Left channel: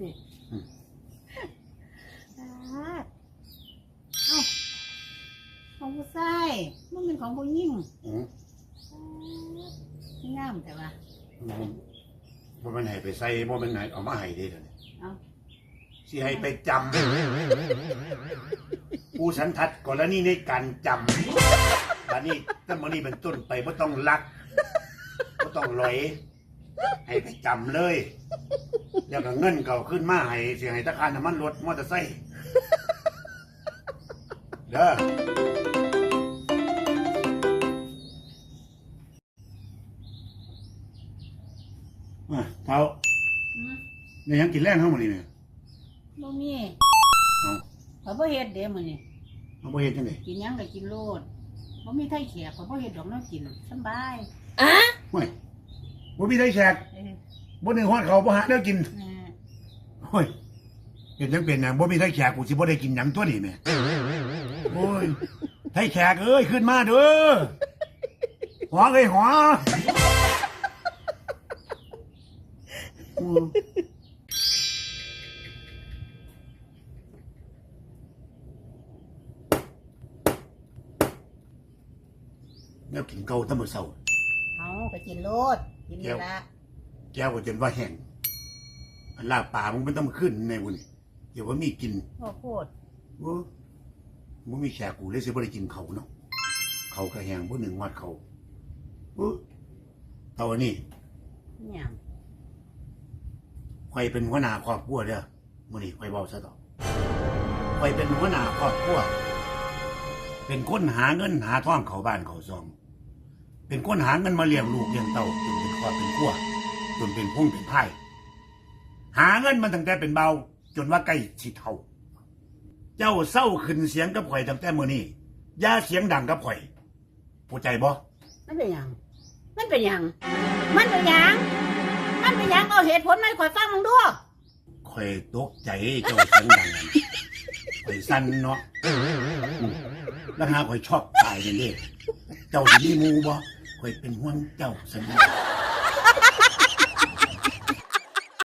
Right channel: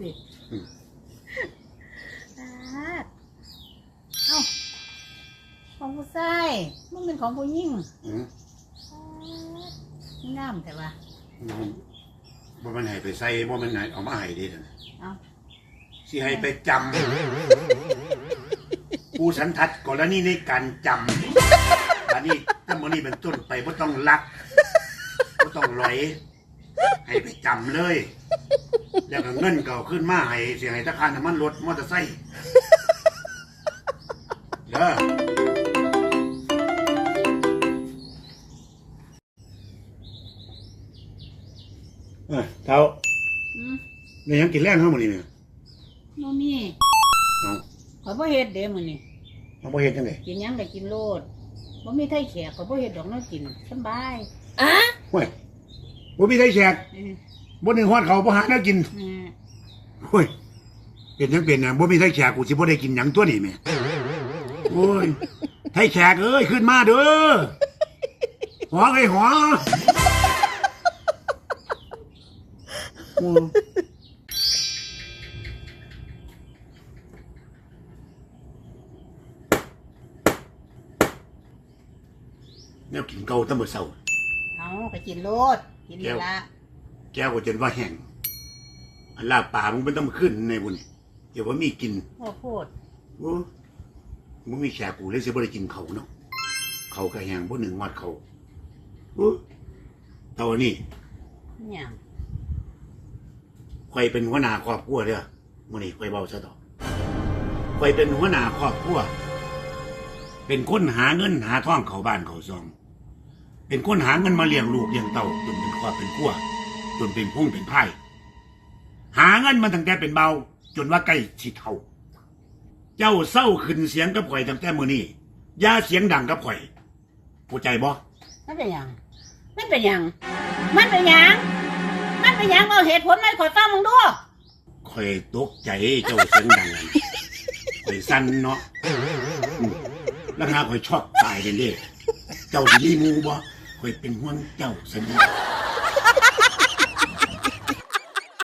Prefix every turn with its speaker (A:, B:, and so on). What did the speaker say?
A: ติ
B: อืม
A: ตาดเอ้าของผู้ชายมึงเป็นของผู้หญิง
B: อืม
A: งามแต่ว่า
B: บ่มันให้ไปใส่บ่มันให้เอามาให้ดีเด้อ
A: เอ้า
B: สิให้ไปจำผู้สันทัดกรณีในการจำอันนี้ถ้ามื้อนี้เป็นต้นไปบ่ต้องลักบ่ต้องลอย ให้ไปจำเลย แล้วก็เงินเก่าขึ้นมาให้เสียให้ธนาคารน้ำมันรถมอเตอร์ไซค์เด้อเอ้ยเท่า
A: อืม
B: นี่ยังกินแรงเท่ามื้อนี้เนี่ย
A: บ่มี
B: เอา
A: ข่อยบ่เฮ็ดเด้มื้อนี้
B: เอาบ่เฮ็ดจังได๋
A: กินหยังก็กินโลดบ่มีไทยแขกข่อยบ่เฮ็ดดอกน้อกินสำบาย
B: เฮ้ย บ่มีได้แชก
A: เออ
B: บ่ได้ฮอดเขาบ่หาแนวกิน
A: เออ
B: เฮ้ยเป็นจังเป็นหยังบ่มีได้แชกกูสิบ่ได้กินหยังตัวนี้แม่โอ้ยไทยแขกเอ้ยขึ้นมาเด้อหัวเอ้ยหัวอืมแนวกินเก่าแตั้งมื้อเช้า
A: เอาไป กินโลดกินนี่ละ
B: แก้วก็จนว่าแห้งอันลาบป่ามึงเป็นต้องขึ้นในบุญเดี๋ยวว่ามีกิน
A: พ่อโพด
B: โอ้มึงมีแขกกูเลยสิบ่ได้กินเขาวเนาะเขาก็แห้งบ่หนึ่งวัดเขาโอ้เท่านี้
A: เนี่ย
B: ข่อยเป็นหัวหน้าครอบครัวเด้อมื้อนี้ข่อยเว้าซะต่อข่อยเป็นหัวหน้าครอบครัวเป็นคนหาเงินหาทองเข้าบ้านเข้าซอง เป็นคนหาเงินมาเลี้ยงลูกเลี้ยงเต้าจนเป็นครอบเป็นครัวจนเป็นพุ่งเป็นไพ่หาเงินมันตั้งแต่เป็นเบา จนว่าใกล้สิเท่า เจ้าเศร้าขึ้นเสียงกับข่อยตั้งแต่มื้อนี้อย่าเสียงดังกับข่อยเข้าใจบ่
A: มันเป็นหยังมันเป็นหยังมันเป็นหยังมันเป็นหยังเอาเหตุผลมาให้ข่อยฟังมึงดู
B: ข่อยตกใจเจ้าเสียงดังนั่นข่อยสั่นเนาะอืมแล้วหาข่อยชอบตายเลยเด้เจ้าสิมีหมูบ่ ข่อยเป็